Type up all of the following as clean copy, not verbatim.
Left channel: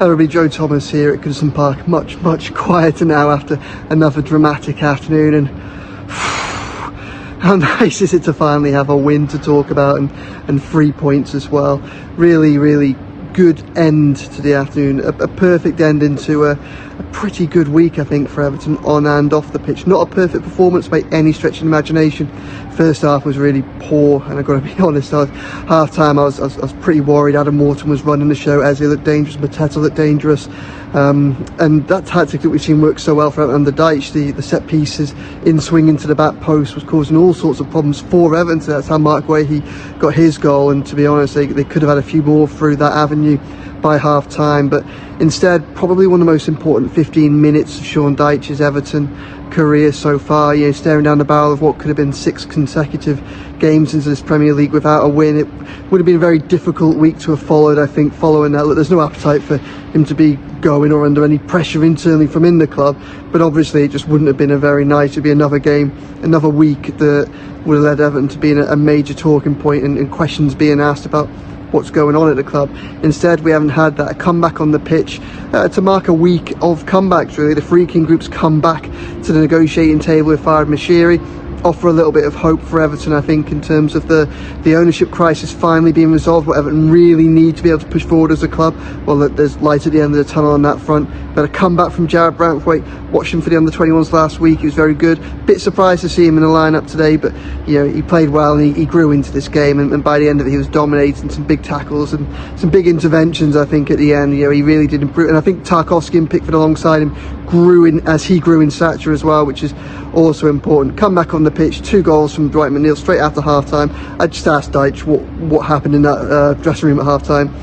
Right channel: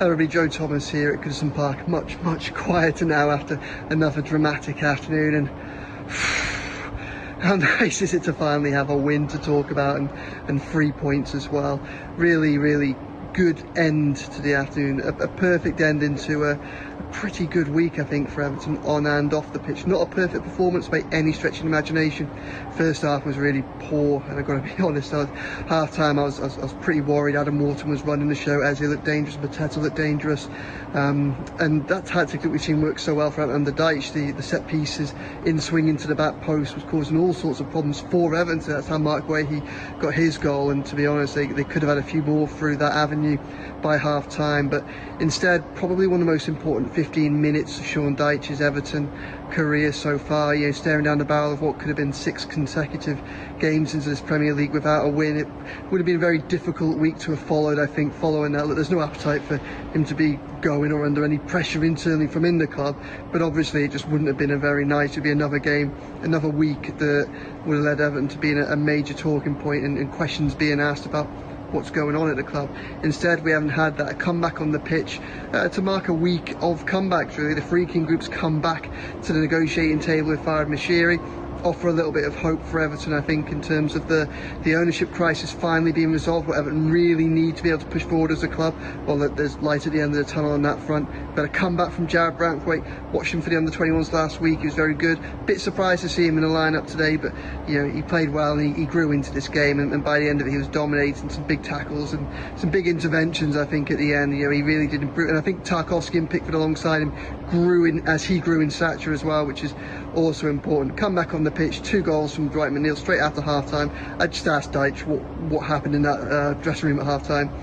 Everybody, Joe Thomas here at Goodison Park. Much quieter now after another dramatic afternoon, and how nice is it to finally have a win to talk about and 3 points as well. Really good end to the afternoon, a perfect ending to a pretty good week, I think, for Everton on and off the pitch. Not a perfect performance by any stretch of the imagination. First half was really poor, and I've got to be honest, half time I was pretty worried. Adam Morton was running the show, Eze looked dangerous, Mateta looked dangerous, and that tactic that we've seen work so well for Everton under Dyche, the set pieces in swing into the back post, was causing all sorts of problems for Everton. So that's how Mark Guehi got his goal, and to be honest, they could have had a few more through that avenue by half time, but instead probably one of the most important 15 minutes of Sean Dyche's Everton career so far. You know, staring down the barrel of what could have been 6 consecutive games into this Premier League without a win. It would have been a very difficult week to have followed, I think, following that. Look, there's no appetite for him to be going or under any pressure internally from in the club, but obviously it just wouldn't have been a very nice, it'd be another game, another week that would have led Everton to being a major talking point and questions being asked about what's going on at the club. Instead, we haven't had that. A comeback on the pitch to mark a week of comebacks, really. The Free King Group's come back to the negotiating table with Farhad Moshiri, offer a little bit of hope for Everton, I think, in terms of the ownership crisis finally being resolved. What Everton really need to be able to push forward as a club, well, there's light at the end of the tunnel on that front. But a comeback from Jared Branthwaite, watched him for the under-21s last week, he was very good. Bit surprised to see him in the lineup today, but you know, he played well and he grew into this game, and by the end of it he was dominating, some big tackles and some big interventions. I think at the end, you know, he really did improve, and I think Tarkowski and Pickford alongside him grew in stature as well, which is also important. Come back on the pitch, 2 goals from Dwight McNeil straight after half time. I just asked Dyche what happened in that dressing room at half time.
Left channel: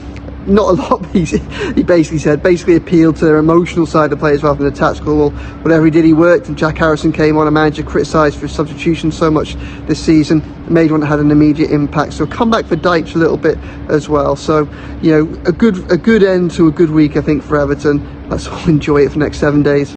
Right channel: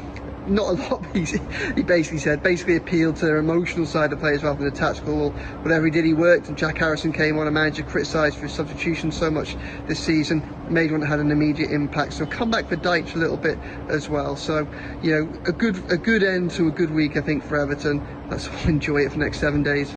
Not a lot. He basically appealed to their emotional side of the players rather than the tactical. Well, whatever he did, he worked, and Jack Harrison came on, a manager criticised for his substitution so much this season, made one that had an immediate impact. So come back for Dyche a little bit as well. So, you know, a good end to a good week, I think, for Everton. Let's all enjoy it for the next 7 days.